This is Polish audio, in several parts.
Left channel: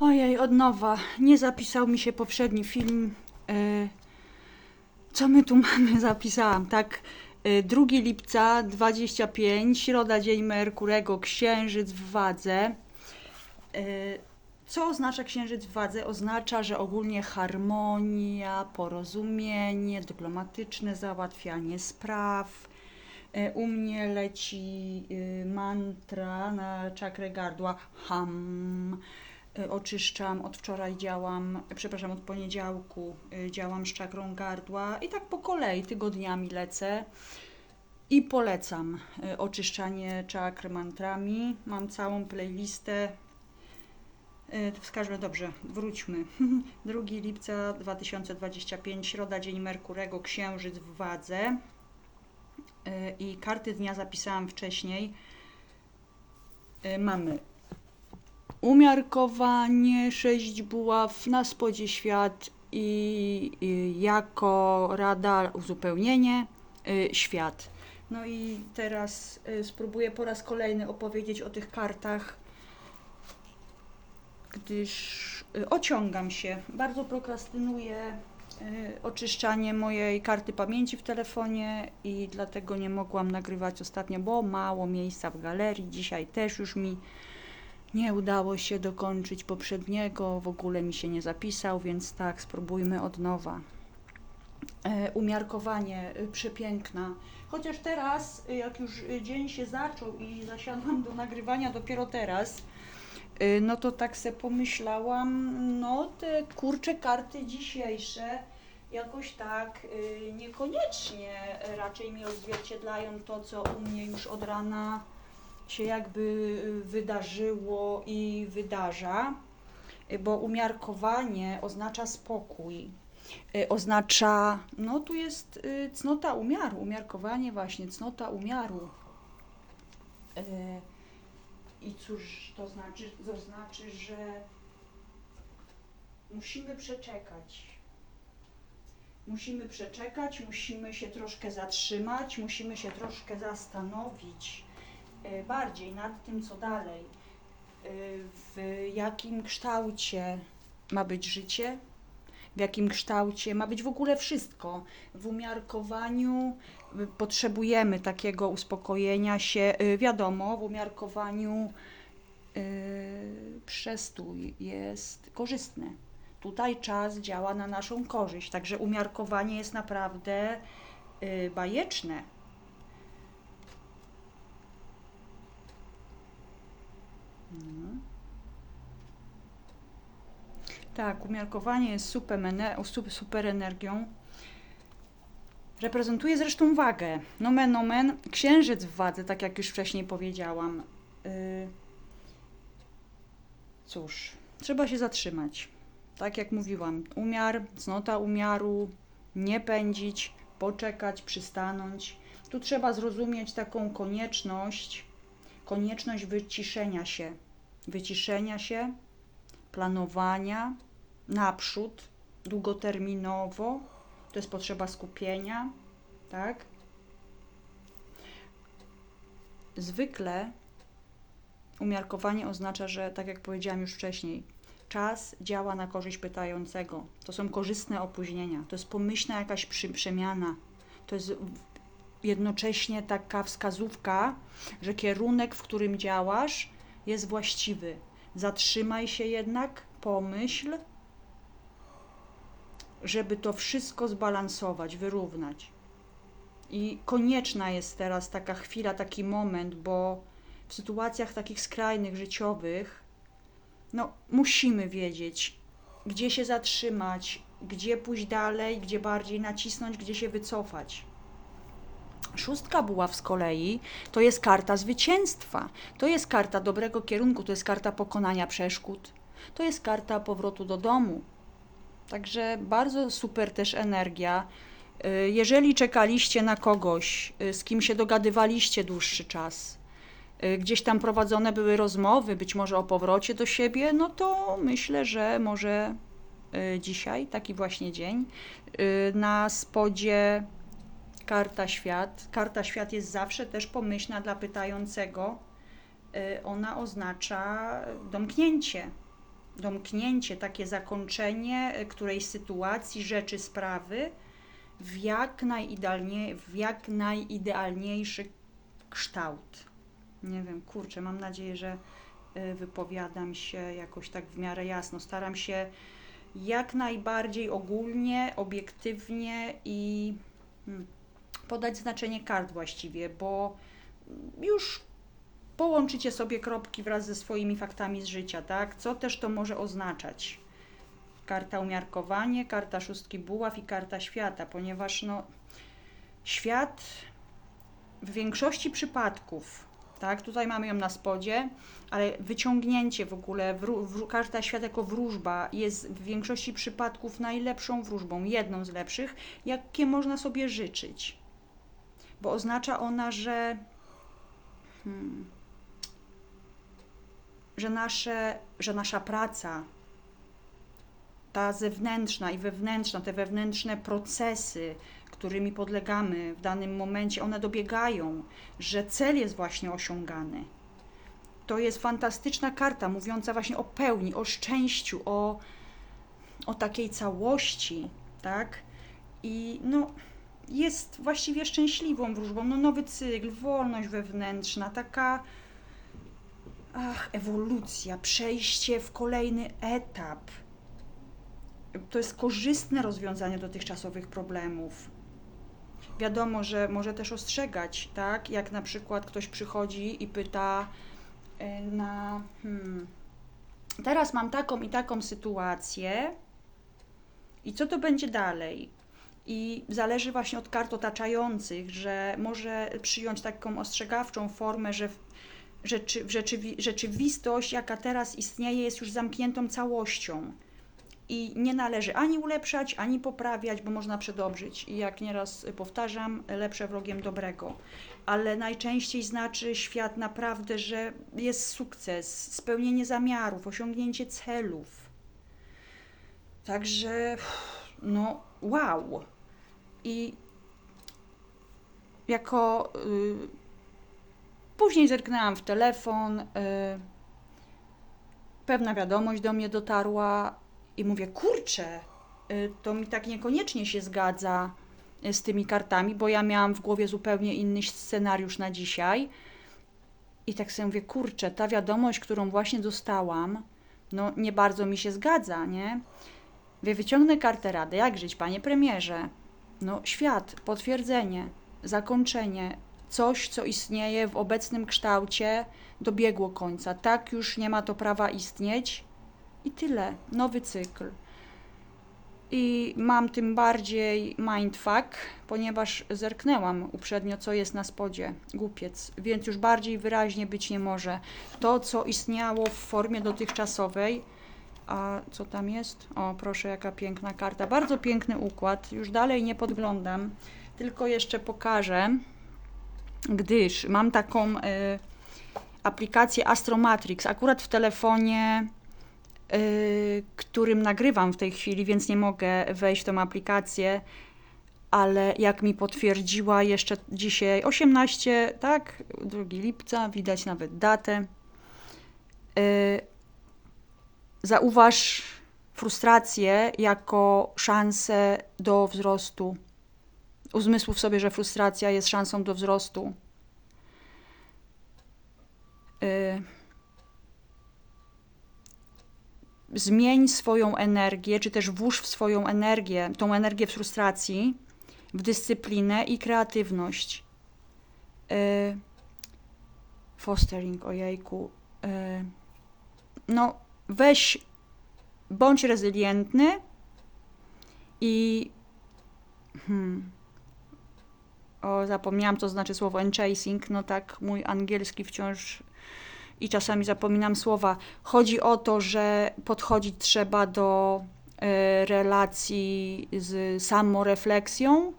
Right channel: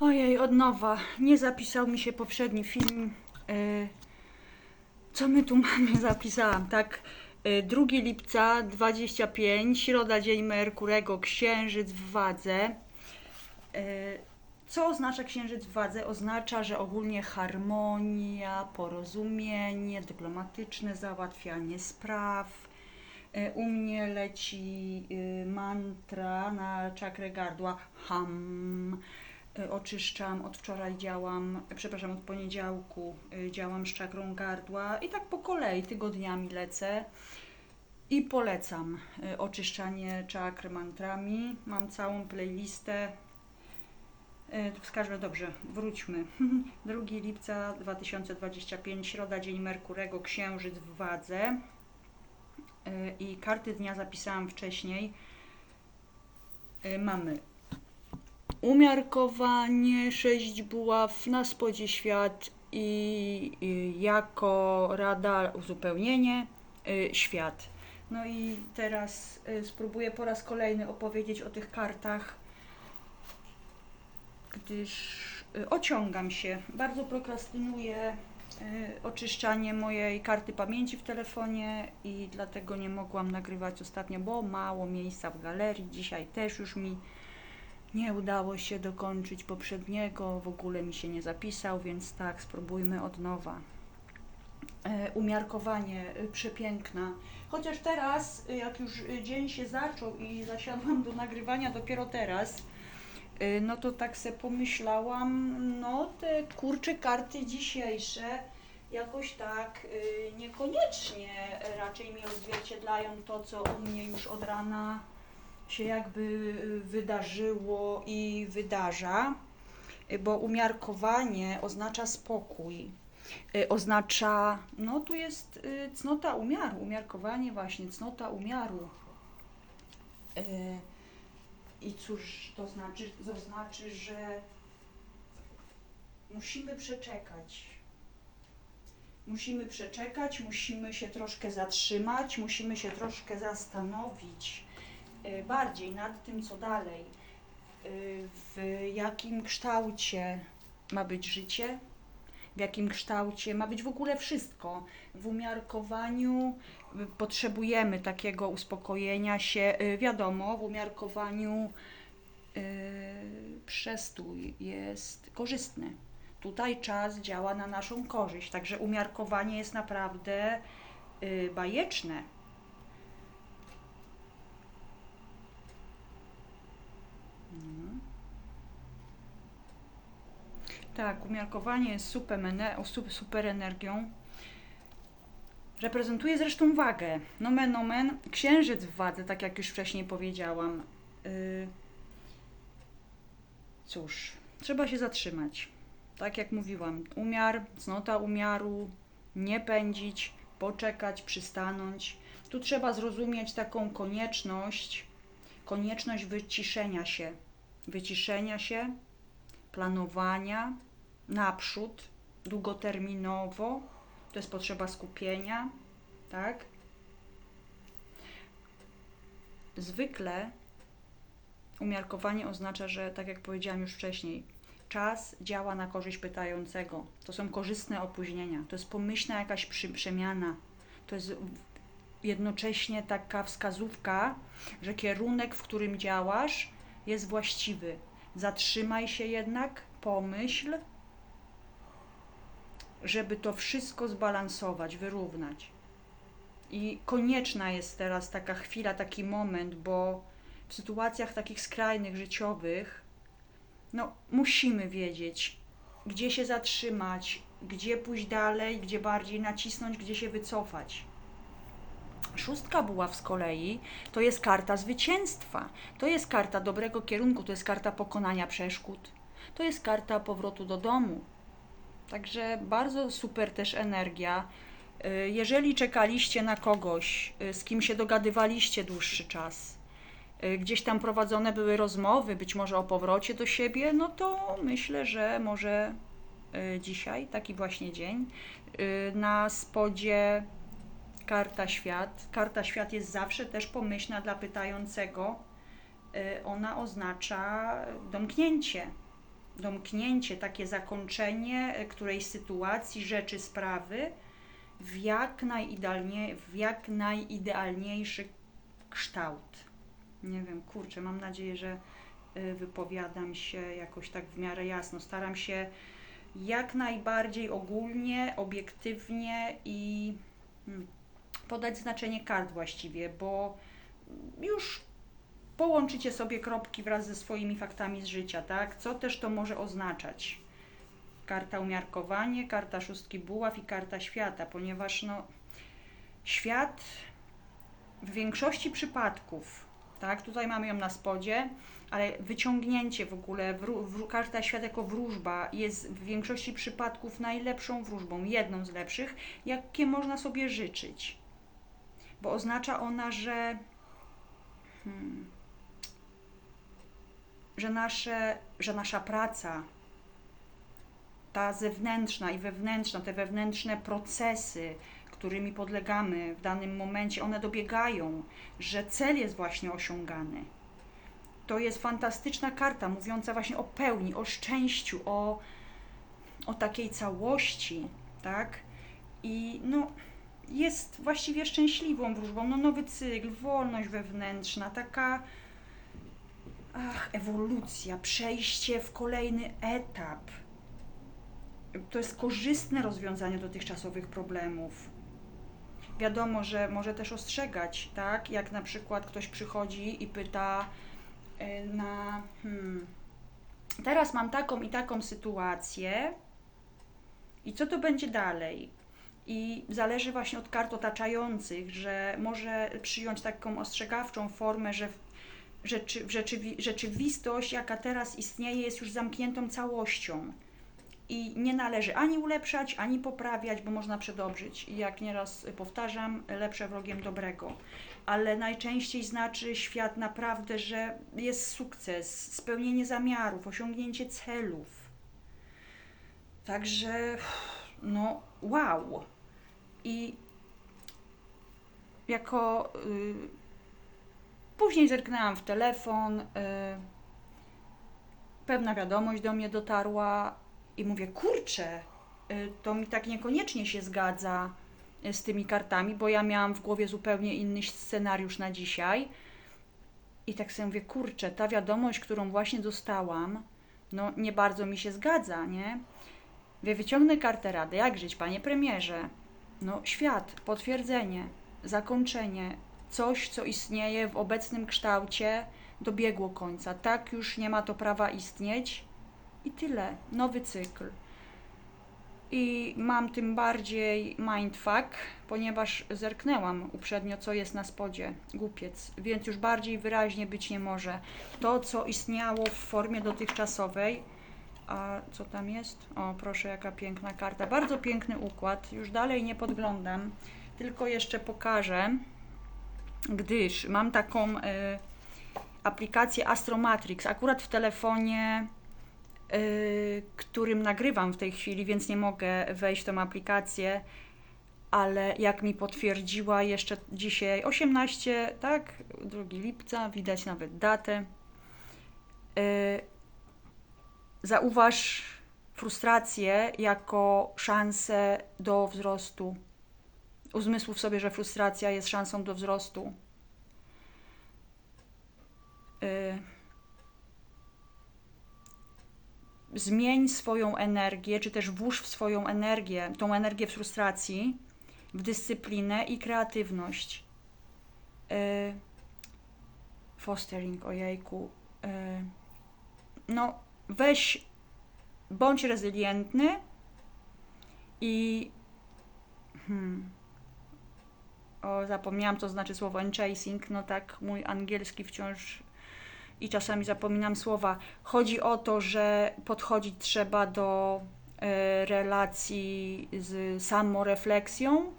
Ojej, od nowa. Nie zapisał mi się poprzedni film. Y, Co my tu mamy? Zapisałam, tak? Y, 2 lipca 25, środa, dzień Merkurego, księżyc w wadze. Y, Co oznacza księżyc w wadze? Oznacza, że ogólnie harmonia, porozumienie, dyplomatyczne załatwianie spraw. Y, U mnie leci y, mantra na czakrę gardła ham. Y, Oczyszczam, od wczoraj działam, przepraszam, od poniedziałku y, działam z czakrą gardła i tak po kolei tygodniami lecę i polecam y, oczyszczanie czakr mantrami. Mam całą playlistę. Wskażmy dobrze, wróćmy. 2 lipca 2025, środa, dzień Merkurego, księżyc w wadze. I karty dnia zapisałam wcześniej. Mamy umiarkowanie, sześć buław, na spodzie świat i, jako rada uzupełnienie y, świat. No i teraz y, spróbuję po raz kolejny opowiedzieć o tych kartach, gdyż y, ociągam się. Bardzo prokrastynuję oczyszczanie mojej karty pamięci w telefonie i dlatego nie mogłam nagrywać ostatnio, bo mało miejsca w galerii. Dzisiaj też już mi nie udało się dokończyć poprzedniego, w ogóle mi się nie zapisał, więc tak, spróbujmy od nowa. E, umiarkowanie y, przepiękna. Chociaż teraz, y, jak już dzień się zaczął i zasiadłam do nagrywania dopiero teraz, no to tak se pomyślałam, no te kurcze karty dzisiejsze jakoś tak niekoniecznie raczej mi odzwierciedlają to, co u mnie już od rana się jakby y, wydarzyło i wydarza, y, bo umiarkowanie oznacza spokój. y, Oznacza, no tu jest cnota umiaru, umiarkowanie właśnie, cnota umiaru. I cóż to znaczy? To znaczy, że musimy przeczekać. Musimy przeczekać, musimy się troszkę zatrzymać, musimy się troszkę zastanowić bardziej nad tym, co dalej. Y, W jakim kształcie ma być życie, w jakim kształcie ma być w ogóle wszystko. W umiarkowaniu potrzebujemy takiego uspokojenia się. Y, Wiadomo, w umiarkowaniu przestój jest korzystny. Tutaj czas działa na naszą korzyść, także umiarkowanie jest naprawdę bajeczne. No. Tak, umiarkowanie jest super, super energią. Reprezentuje zresztą wagę. Nomen omen, księżyc w wadze, tak jak już wcześniej powiedziałam. Y, Cóż, trzeba się zatrzymać. Tak jak mówiłam, umiar, cnota umiaru, nie pędzić, poczekać, przystanąć. Tu trzeba zrozumieć taką konieczność, konieczność wyciszenia się, wyciszenia się, planowania naprzód, długoterminowo. To jest potrzeba skupienia, tak? Zwykle umiarkowanie oznacza, że tak jak powiedziałam już wcześniej, czas działa na korzyść pytającego. To są korzystne opóźnienia, to jest pomyślna jakaś przemiana. To jest jednocześnie taka wskazówka, że kierunek, w którym działasz, jest właściwy. Zatrzymaj się jednak, pomyśl, żeby to wszystko zbalansować, wyrównać. I konieczna jest teraz taka chwila, taki moment, bo w sytuacjach takich skrajnych, życiowych, no, musimy wiedzieć, gdzie się zatrzymać, gdzie pójść dalej, gdzie bardziej nacisnąć, gdzie się wycofać. Szóstka buław z kolei to jest karta zwycięstwa, to jest karta dobrego kierunku, to jest karta pokonania przeszkód, to jest karta powrotu do domu. Także bardzo super też energia. Y, Jeżeli czekaliście na kogoś, y, z kim się dogadywaliście dłuższy czas, y, gdzieś tam prowadzone były rozmowy, być może o powrocie do siebie, no to myślę, że może dzisiaj, taki właśnie dzień, na spodzie karta świat. Karta świat jest zawsze też pomyślna dla pytającego. Ona oznacza domknięcie, domknięcie, takie zakończenie e, którejś sytuacji, rzeczy, sprawy w jak, najidealnie, w jak najidealniejszy kształt. Nie wiem, kurczę, mam nadzieję, że y, wypowiadam się jakoś tak w miarę jasno. Staram się jak najbardziej ogólnie, obiektywnie i mm, podać znaczenie kart właściwie, bo już połączycie sobie kropki wraz ze swoimi faktami z życia, tak? Co też to może oznaczać? Karta umiarkowanie, karta szóstki buław i karta świata, ponieważ no, świat w większości przypadków, tak, tutaj mamy ją na spodzie, ale wyciągnięcie w ogóle, wró- wró- karta świat jako wróżba jest w większości przypadków najlepszą wróżbą, jedną z lepszych, jakie można sobie życzyć. Bo oznacza ona, że, hmm, że, nasze, że nasza praca, ta zewnętrzna i wewnętrzna, te wewnętrzne procesy, którymi podlegamy w danym momencie, one dobiegają, że cel jest właśnie osiągany. To jest fantastyczna karta mówiąca właśnie o pełni, o szczęściu, o, o takiej całości, tak? I no, jest właściwie szczęśliwą wróżbą. No, nowy cykl, wolność wewnętrzna, taka ach, ewolucja, przejście w kolejny etap. To jest korzystne rozwiązanie dotychczasowych problemów. Wiadomo, że może też ostrzegać, tak? Jak na przykład ktoś przychodzi i pyta e, na hmm, teraz mam taką i taką sytuację i co to będzie dalej? I zależy właśnie od kart otaczających, że może przyjąć taką ostrzegawczą formę, że rzeczy, rzeczywi, rzeczywistość, jaka teraz istnieje, jest już zamkniętą całością i nie należy ani ulepszać, ani poprawiać, bo można przedobrzyć. I jak nieraz powtarzam, lepsze wrogiem dobrego. Ale najczęściej znaczy świat naprawdę, że jest sukces, spełnienie zamiarów, osiągnięcie celów. Także, no, wow. I jako. Y, później zerknęłam w telefon. Y, pewna wiadomość do mnie dotarła i mówię, kurczę, y, to mi tak niekoniecznie się zgadza y, z tymi kartami, bo ja miałam w głowie zupełnie inny scenariusz na dzisiaj. I tak sobie mówię, kurczę, ta wiadomość, którą właśnie dostałam, no nie bardzo mi się zgadza, nie? Wie, wyciągnę kartę rady. Jak żyć, panie premierze? No, świat, potwierdzenie, zakończenie, coś, co istnieje w obecnym kształcie, dobiegło końca. Tak już nie ma to prawa istnieć i tyle. Nowy cykl. I mam tym bardziej mindfuck, ponieważ zerknęłam uprzednio, co jest na spodzie. Głupiec, więc już bardziej wyraźnie być nie może. To, co istniało w formie dotychczasowej, a co tam jest? O, proszę, jaka piękna karta. Bardzo piękny układ. Już dalej nie podglądam, tylko jeszcze pokażę, gdyż mam taką y, aplikację Astromatrix, akurat w telefonie, y, którym nagrywam w tej chwili, więc nie mogę wejść w tą aplikację, ale jak mi potwierdziła jeszcze dzisiaj 18, tak, 2 lipca, widać nawet datę. Y, Zauważ frustrację jako szansę do wzrostu. Uzmysłów sobie, że frustracja jest szansą do wzrostu. Y, Zmień swoją energię, czy też włóż w swoją energię, tą energię frustracji, w dyscyplinę i kreatywność. Y, Fostering, ojejku. Y, No, weź, bądź rezylientny i. Hmm, o, zapomniałam, co znaczy słowo enchasing. No tak, mój angielski wciąż i czasami zapominam słowa. Chodzi o to, że podchodzić trzeba do e, relacji z samorefleksją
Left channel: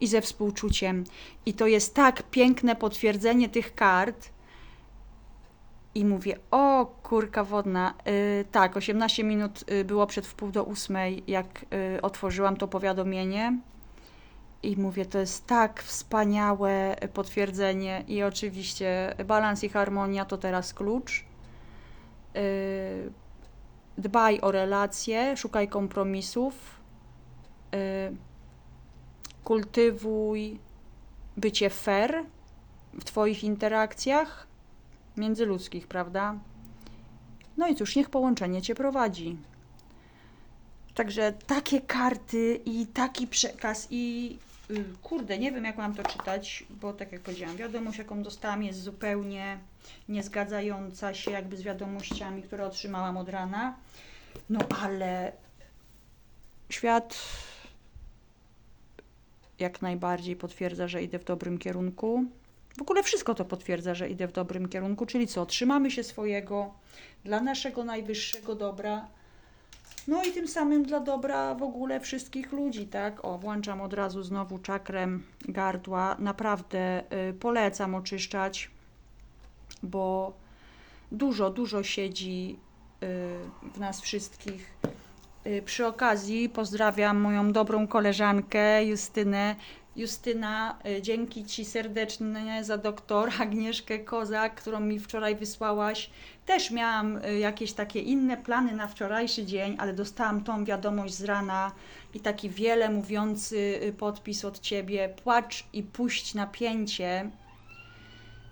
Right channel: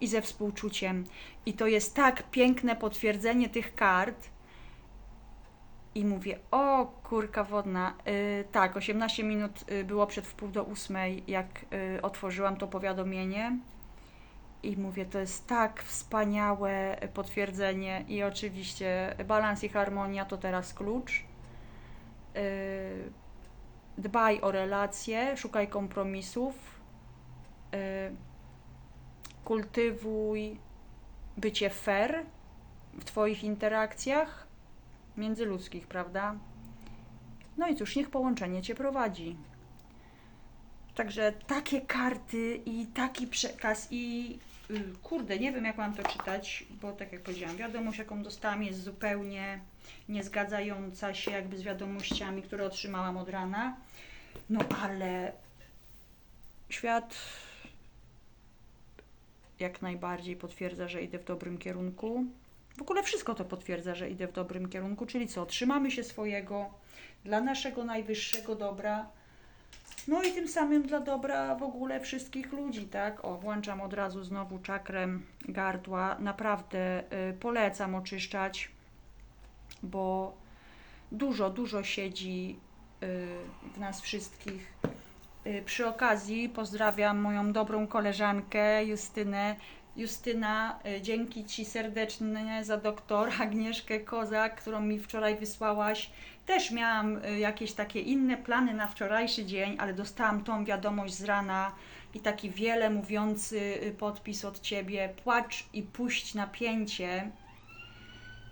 i ze współczuciem. I to jest tak piękne potwierdzenie tych kart. I mówię, o kurka wodna. Y, tak, 18 minut y, było przed wpół do ósmej, jak y, otworzyłam to powiadomienie. I mówię, to jest tak wspaniałe potwierdzenie. I oczywiście balans i harmonia to teraz klucz. Yy, dbaj o relacje, szukaj kompromisów, y, kultywuj bycie fair w Twoich interakcjach międzyludzkich, prawda? No i cóż, niech połączenie Cię prowadzi. Także takie karty i taki przekaz i y, kurde, nie wiem jak mam to czytać, bo tak jak powiedziałam, wiadomość jaką dostałam jest zupełnie niezgadzająca się jakby z wiadomościami, które otrzymałam od rana. No ale świat jak najbardziej potwierdza, że idę w dobrym kierunku. W ogóle wszystko to potwierdza, że idę w dobrym kierunku, czyli co? Trzymamy się swojego dla naszego najwyższego dobra. No i tym samym dla dobra w ogóle wszystkich ludzi, tak? O, włączam od razu znowu czakrem gardła. Naprawdę y, polecam oczyszczać, bo dużo, dużo siedzi y, w nas wszystkich. Y, Przy okazji pozdrawiam moją dobrą koleżankę Justynę. Justyna, y, dzięki Ci serdecznie za doktor Agnieszkę Kozak, którą mi wczoraj wysłałaś. Też miałam y, jakieś takie inne plany na wczorajszy dzień, ale dostałam tą wiadomość z rana i taki wiele mówiący y, podpis od Ciebie. Płacz i puść napięcie.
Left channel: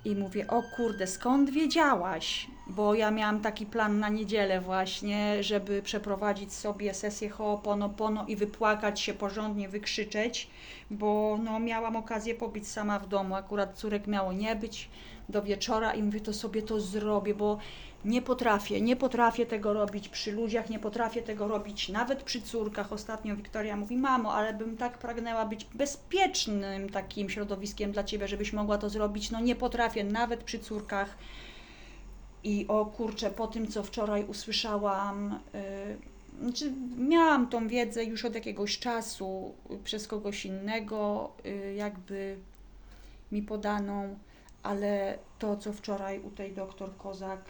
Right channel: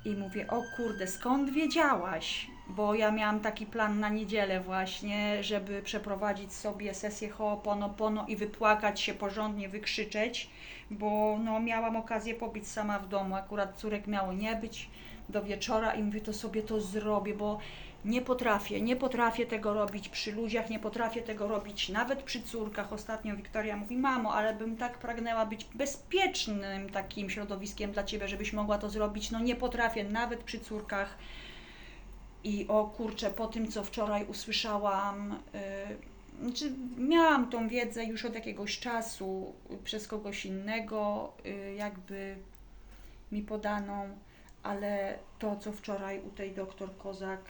I mówię, o kurde, skąd wiedziałaś? Bo ja miałam taki plan na niedzielę właśnie, żeby przeprowadzić sobie sesję Ho'oponopono i wypłakać się porządnie, wykrzyczeć, bo no, miałam okazję pobić sama w domu. Akurat córek miało nie być do wieczora i mówię, to sobie to zrobię, bo nie potrafię, nie potrafię tego robić przy ludziach, nie potrafię tego robić nawet przy córkach. Ostatnio Wiktoria mówi, mamo, ale bym tak pragnęła być bezpiecznym takim środowiskiem dla Ciebie, żebyś mogła to zrobić. No nie potrafię, nawet przy córkach. I o kurczę, po tym co wczoraj usłyszałam, yy, znaczy miałam tą wiedzę już od jakiegoś czasu przez kogoś innego, y, jakby mi podaną, ale to co wczoraj u tej doktor Kozak,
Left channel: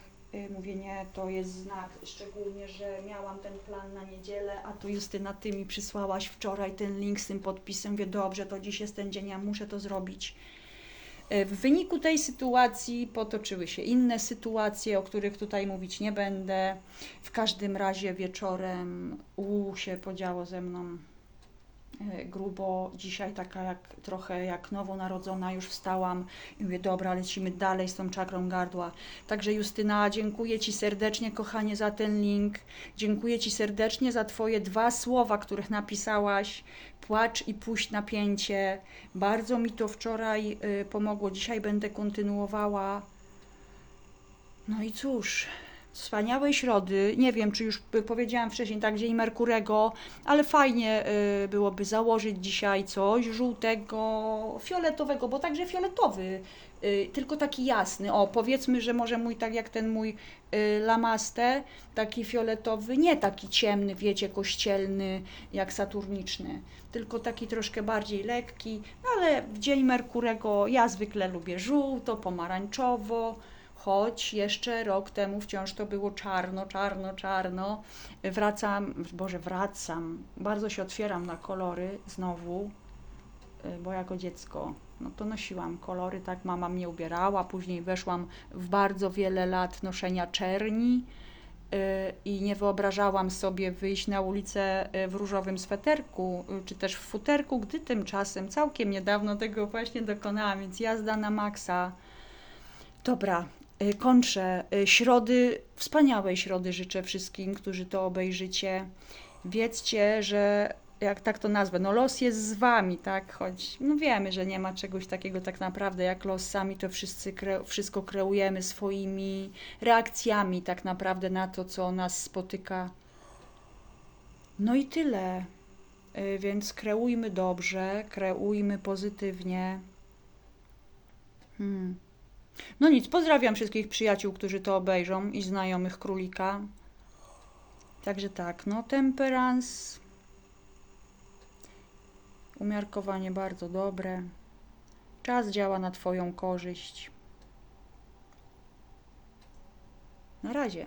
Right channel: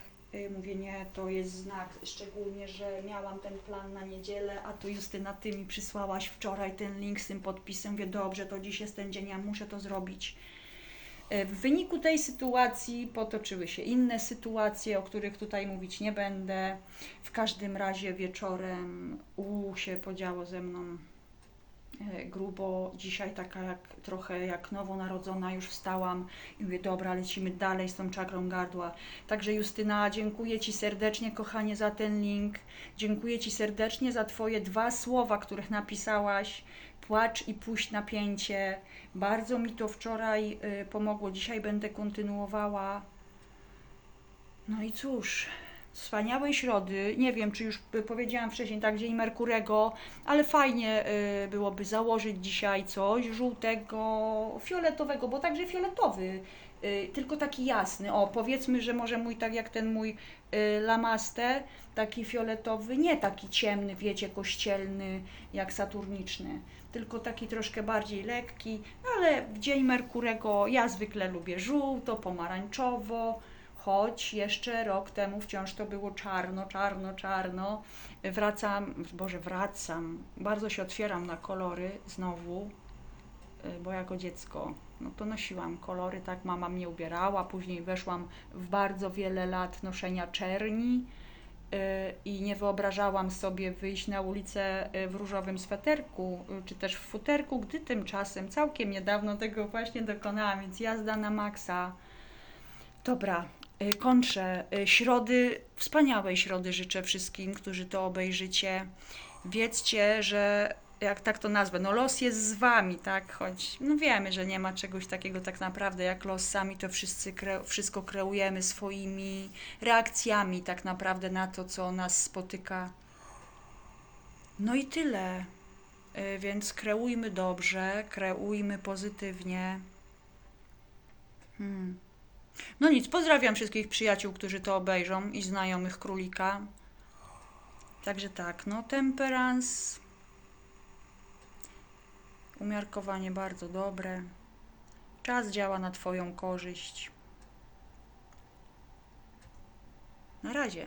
mówię nie, to jest znak, szczególnie, że miałam ten plan na niedzielę, a tu Justyna, Ty mi przysłałaś wczoraj ten link z tym podpisem, mówię dobrze, to dziś jest ten dzień, ja muszę to zrobić. E, W wyniku tej sytuacji potoczyły się inne sytuacje, o których tutaj mówić nie będę. W każdym razie wieczorem u się podziało ze mną grubo. Dzisiaj taka jak trochę jak nowonarodzona już wstałam i mówię, dobra, lecimy dalej z tą czakrą gardła. Także Justyna, dziękuję Ci serdecznie, kochanie, za ten link. Dziękuję Ci serdecznie za Twoje dwa słowa, których napisałaś. Płacz i puść napięcie. Bardzo mi to wczoraj y, pomogło. Dzisiaj będę kontynuowała. No i cóż, wspaniałej środy. Nie wiem, czy już powiedziałam wcześniej, tak, Dzień Merkurego, ale fajnie y, byłoby założyć dzisiaj coś żółtego, fioletowego, bo także fioletowy, y, tylko taki jasny. O, powiedzmy, że może mój, tak jak ten mój y, lamaste, taki fioletowy, nie taki ciemny, wiecie, kościelny, jak saturniczny, tylko taki troszkę bardziej lekki, ale Dzień Merkurego ja zwykle lubię żółto, pomarańczowo, choć jeszcze rok temu wciąż to było czarno, czarno, czarno. Wracam, Boże, wracam, bardzo się otwieram na kolory znowu, y, bo jako dziecko no to nosiłam kolory, tak mama mnie ubierała, później weszłam w bardzo wiele lat noszenia czerni y, i nie wyobrażałam sobie wyjść na ulicę y, w różowym sweterku, czy też w futerku, gdy tymczasem całkiem niedawno tego właśnie dokonałam, więc jazda na maksa. Dobra, kończę. Y, Środy, wspaniałej środy życzę wszystkim, którzy to obejrzycie. Wiedzcie, że jak tak to nazwę, no los jest z wami, tak? Choć no wiemy, że nie ma czegoś takiego tak naprawdę jak los, sami to wszyscy kre, wszystko kreujemy swoimi reakcjami tak naprawdę na to, co nas spotyka. No i tyle. Y, Więc kreujmy dobrze, kreujmy pozytywnie. Hmm. No nic, pozdrawiam wszystkich przyjaciół, którzy to obejrzą i znajomych królika. Także tak, no temperans. Umiarkowanie bardzo dobre. Czas działa na Twoją korzyść. Na razie.